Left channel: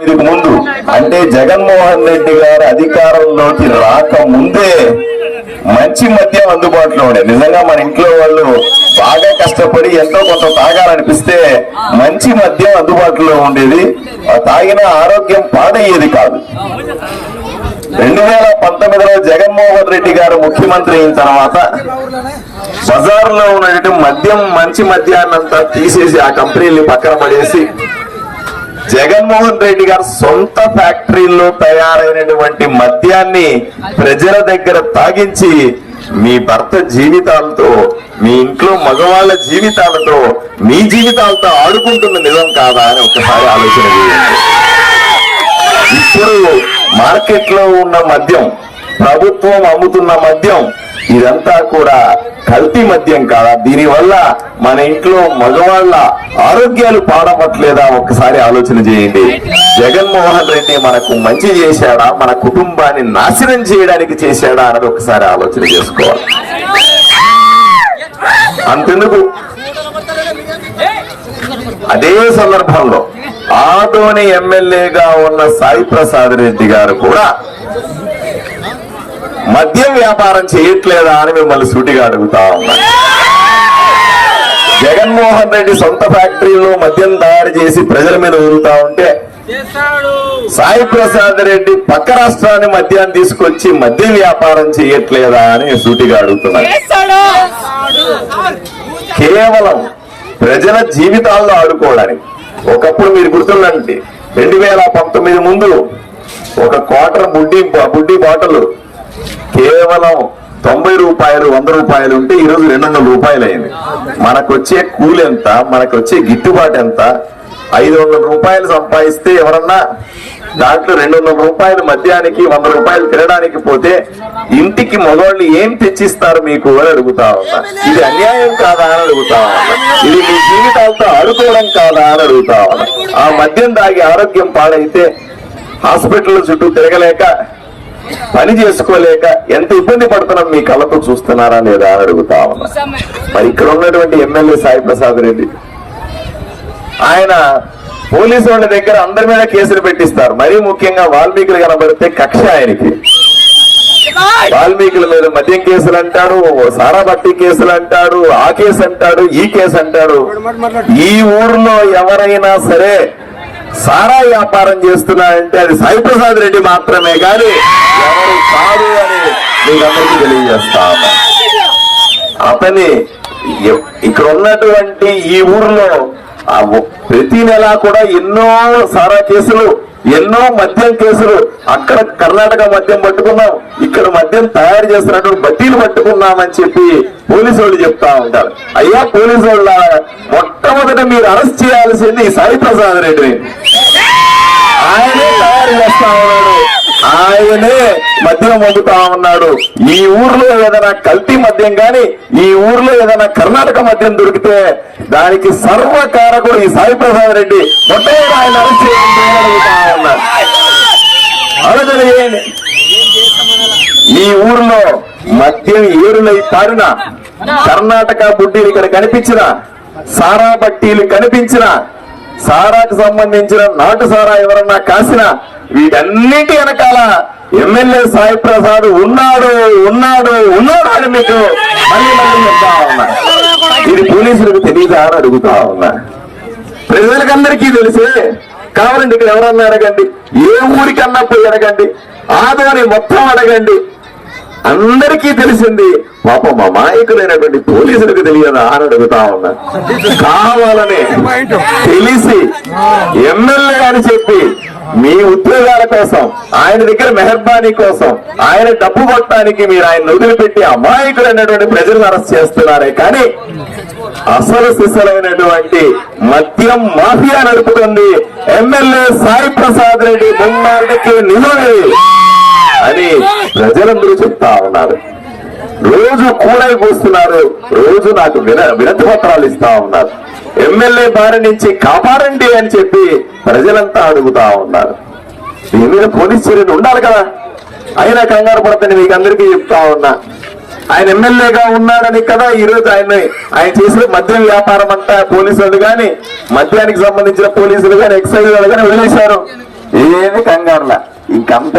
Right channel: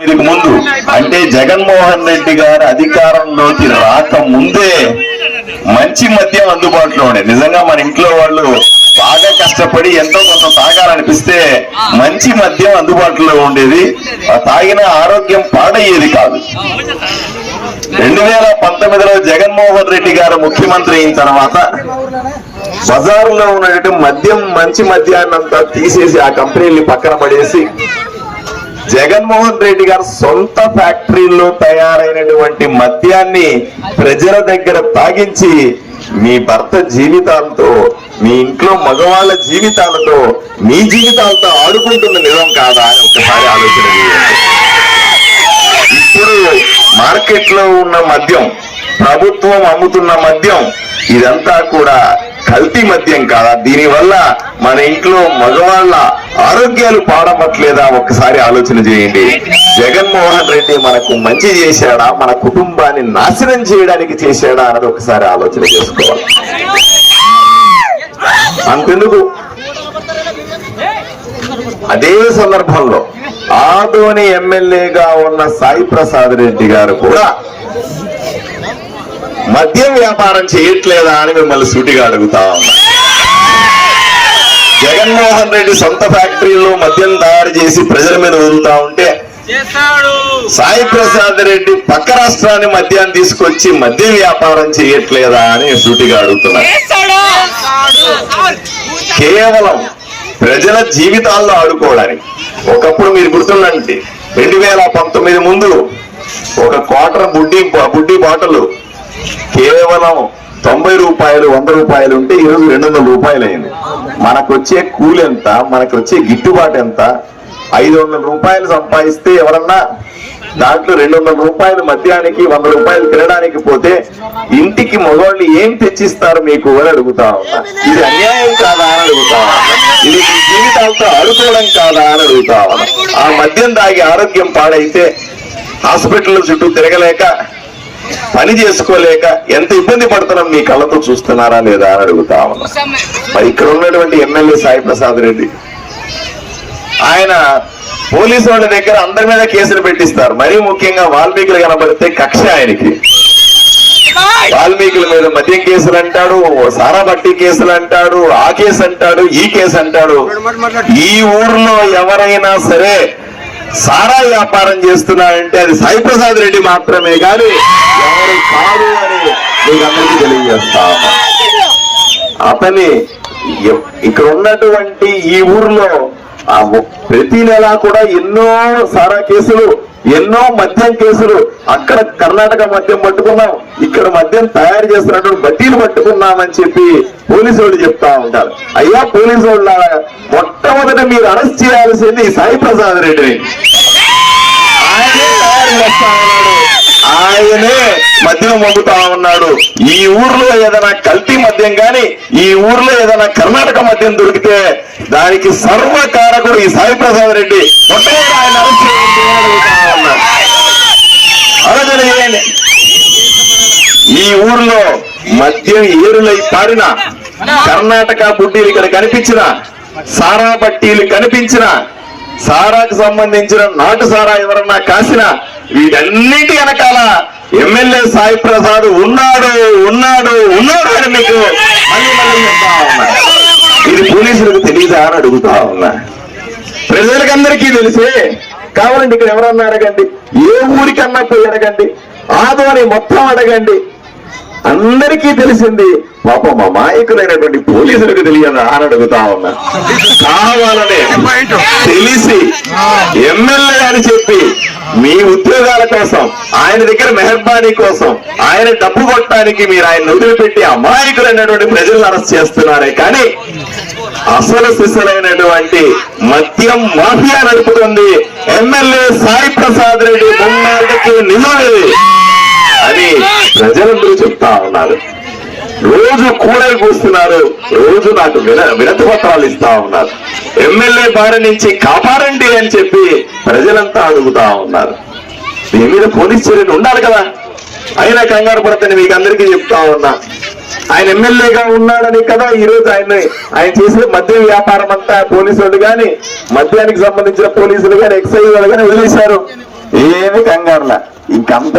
దీనికి ముందు అంటే జగన్మోహన్ రెడ్డి గారు అధికారంలోకి రాక ముందే మంచి మద్యం అందుబాటులో ఉండే. నిజంగా మన ఇంట్లో వాళ్ళు బాగా కష్టపడి ఎంతో కొంత తాగాలనిపిస్తే మంచి మద్యం అందుబాటులో ఉండేది. తాగిన ఆరోగ్యం పాడయ్యేది కాదు. 2019లో జగన్మోహన్ రెడ్డి గారు ముఖ్యమంత్రి అయిన తర్వాత బజారులో ఉన్నటువంటి మద్యం మంచి మద్యాన్నంతా తీసేసి ఆ కంపెనీని పక్కన పడేసి జగన్మోహన్ రెడ్డి గారు సొంత ఫ్యాక్టరీల్లో తయారైనటువంటి మద్యాన్ని ప్రజల దగ్గర తాగించి మీ భర్త జీవితాలతో, మీ ఇంట్లో మగవాళ్ళ జీవితాలతో, మీ జీవితాలతో ఆడుకుంటున్న నిజం కాదా అని ఒకసారి ఆలోచన చేయండి. ఇప్పుడు మార్కెట్ లో ఉన్న మద్యం, ప్రభుత్వం అమ్ముతున్న మద్యం, ఇదంతా కూడా కల్తీ మద్యం కాదా? దీనివల్ల మన ఇంట్లో మగవాళ్ళ ఆరోగ్యాలు పాడవట్లేదా? ఒక్కసారి ఆలోచన చేయండి. జగన్మోహన్ రెడ్డి మనకు మంచి చేశాడా, మన కుటుంబాన్ని నాశనం చేయడానికి చేశాడా అన్నది ఒకసారి ఆలోచన చేసుకోవాలి. అంతెందుకు, అదే సందర్భంలో ఆదోని ఎమ్మెల్యేగా ఉన్న సాయి ప్రసాద్ రెడ్డి గారు కూడా మద్యం వ్యాపారం చేయట్లేదా అని మిమ్మల్ని సూటిగా అడుగుతా ఉన్నా. జగన్మోహన్ రెడ్డి సొంత ఫ్యాక్టరీలో మద్యం తయారు చేసి ప్రజల మీద వదులుతా ఉంటే సాయి ప్రసాద్ రెడ్డి పక్క రాష్ట్రాన్ని మద్యాన్ని తీసుకొచ్చి మద్యం వ్యాపారం చేయట్లేదా అని సూటిగా అడుగుతున్నా. కేవలం ప్రజల జీవితాల్లో ఆడుకోవడానికి. ఒకప్పుడు మీరు గుర్తుండండి, 2019 ముందు ఒక క్వార్టర్ బుడ్డీ బాటలు కేవలం 90 రూపాయలు, 100 రూపాయలు ఉంటే ఈరోజు 200 రూపాయలు అయింది. మనకు వచ్చే కూలి ఎంత, మనకు వచ్చే గిట్టుబాటు ఎంత? 500 రూపాయలు సంపాదిస్తే ఎవరన్నా దాంట్లో 200 రూపాయలు మద్యానికి, 100 రూపాయలు తినడానికి పోతే ఇంటికి మగవాళ్ళు ఏం తెచ్చిస్తారు మీకు అని అడుగుతా ఉన్నా. ఇది అన్యాయం కాదా అని అడుగుతా ఉన్నా. ఇది మీ జీవితాలతో ఆడుకోవడం కాదా అని అడుగుతా ఉన్నా. ఆ మద్యం తాగి ఆరోగ్యం పాడైతే హాస్పిటల్ చుట్టూ తిరగలేక, పని చేసుకోలేక ఎంత ఇబ్బంది పడుతున్నాం మీ కళ్ళతో చూస్తున్నారా లేదా అని అడుగుతా ఉన్నా. ఇక్కడ ఉన్నటువంటి ఎమ్మెల్యే సాయి ప్రసాద్ రెడ్డి, ఆయన పోలీసు వాళ్ళ దగ్గర అందరి మీద కేసులు పెట్టిస్తారు. మరీ ముఖ్యంగా వాల్మీకులు కనబడితే కక్ష ఆయనకి. వాల్మీకుల మీద మద్యం కేసులు అంటాడు, సారా బట్టి కేసులు అంటాడు, ఆ కేసు అంటాడు, ఈ కేసు అంటాడు. ఈ ఊర్లో ఎవరైనా సరే సారా వ్యాపారం చేస్తున్నారంటే అది సాయి ప్రసాద్ రెడ్డి మాత్రమే కానీ ఎవరు కాదు అని మీకు అందరికీ తెలియజేస్తా. అతని ఇక్కడ ఉన్నటువంటి ఈ ఊర్లో ప్రతి నెల కూడా ఎన్నో సారా కేసులు, ఎన్నో మద్యం కేసులు. అక్కడ కర్ణాటక మద్యం పట్టుకున్నాం, ఇక్కడ మద్యం తయారు చేస్తున్నటువంటి బట్టీలు పట్టుకున్నామని చెప్పి పోలీసు వాళ్ళు చెప్తా ఉంటారు. అయ్యా పోలీసు వాళ్ళ, మొట్టమొదట మీరు అరెస్ట్ చేయాల్సింది సాయి ప్రసాద్ రెడ్డి. ఆయనే తయారు చేస్తా ఉన్నాడు, ఆయనే మద్యం పంపుతా ఉన్నాడు. ఈ ఊర్లో ఏదైనా కల్తీ మద్యం గాని, ఈ ఊర్లో ఏదైనా కర్ణాటక మద్యం దొరికితే దానికి సర్వకారకుడు ఈ సాయి ప్రసాద్ రెడ్డి. మొట్టమొదటి ఆయన అరెస్ట్ చేయండి. ఈ ఊర్లో మద్యం ఏరులై పారిన, కర్ణాటక బుడ్డీలు ఇక్కడ కనిపించిన, సారా బట్టీలు కనిపించిన, సారాకు సంబంధించిన నాటు సారా ఎవరన్నా కాసిన, వీటన్నిటి వెనకాల ఎమ్మెల్యే సాయి ప్రసాద్ ఉన్నాడు ఉన్నాడు ఉన్నాడు అని మీకు మళ్ళీ చెప్తా ఉన్నా. ఇది పోలీసులకు తెలియదా అని అడుగుతా ఉన్నా. ప్రజలకందరికీ తెలిసే కావాలండి. ఇక్కడ ఎవరన్నా అడగండి, ఏ ఊరికన్నా పోయి అడగండి, ఆదాని మొత్తం అడగండి, అందరికీ తెలిసింది. పాపం మా మాయకులైనటువంటి పోలీసులకు తెలియదా అని అడుగుతా ఉన్నా. కావాలనే తెలిసి ఎమ్మెల్యే అని చెప్పి మీ ఉద్యోగాల కోసం, ఆయన దగ్గర మెహర్బానీ కోసం, ఆయన డబ్బు కొట్టడానికి మీరు ఆయన వదిలిపెట్టి అమాయకులైనటువంటి ప్రజలను అరెస్ట్ చేస్తున్నారే కానీ అసలు సిసలైనటువంటి మద్యం మాఫియా నడుపుతుంది ఎమ్మెల్యే సాయి ప్రసాద్ రెడ్డి. మున్నాళ్ళకి నిజమే అని ప్రజలందరూ చెప్తా ఉన్నారు. రోజు కూరలు కూస్తున్నారు, రోజు నాకు వినతి పత్రాలు ఇస్తా ఉన్నారు. ఎమ్మెల్యే బారి నుంచి కాపాడండి అని చెప్పి ప్రజలంతా అడుగుతా ఉన్నారు. దీని మీద పోలీస్ చర్యలు ఉండాలి కదా. అయినా కంగారు పడతాను మీకు అందరికీ చెప్తా ఉన్నా. ఆయన ఎమ్మెల్యేగా ఉన్నాడని కదా ఈరోజు ఆయన చేసే మద్యం వ్యాపారం అంతా పోలీసులు కానీ, మద్యానికి సంబంధించిన పోలీసులు కానీ, ఎక్సైజ్ వాళ్ళు కానీ వదిలేశారు. ఏమి కంగారులా ఇంకంత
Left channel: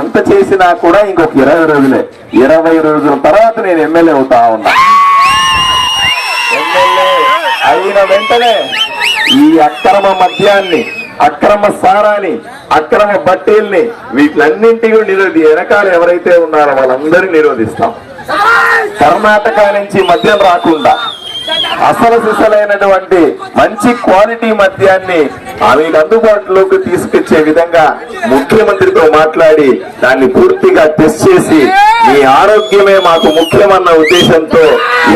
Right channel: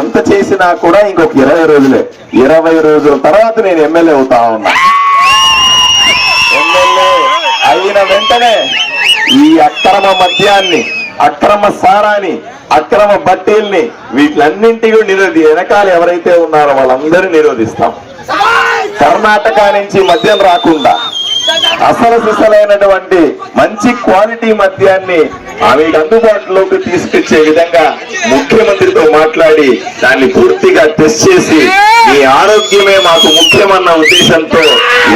ఎంత చేసినా కూడా ఇంకొక 20 రోజులే. 20 రోజుల తర్వాత నేను ఎమ్మెల్యే అవుతా ఉన్నా. ఎమ్మెల్యే అయిన వెంటనే ఈ అక్రమ మద్యాన్ని, అక్రమ సారాన్ని, అక్రమ బట్టీల్ని వీటిలన్నింటినీ వెనకాల ఎవరైతే ఉన్నారో వాళ్ళందరినీ నిరోధిస్తాం. కర్ణాటక నుంచి మద్యం రాకుండా అసలు సిసలైనటువంటి మంచి క్వాలిటీ మద్యాన్ని ఆమెకు అందుబాటులోకి తీసుకొచ్చే విధంగా ముఖ్యమంత్రితో మాట్లాడి దాన్ని పూర్తిగా టెస్ట్ చేసి మీ ఆరోగ్యమే మాకు ముఖ్యమన్న ఉద్దేశంతో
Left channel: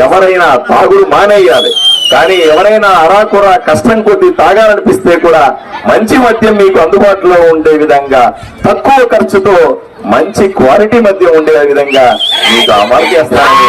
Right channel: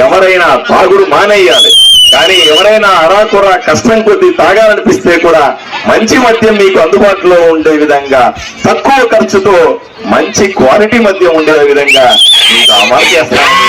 ఎవరైనా తాగుడు మానేయాలి. కానీ ఎవరైనా అరాకురా కష్టం కొద్ది తాగాలనిపిస్తే కూడా మంచి మద్యం మీకు అందుబాటులో ఉండే విధంగా తక్కువ ఖర్చుతో మంచి క్వాలిటీ మద్యం ఉండే విధంగా మీకు అమలు చేస్తానని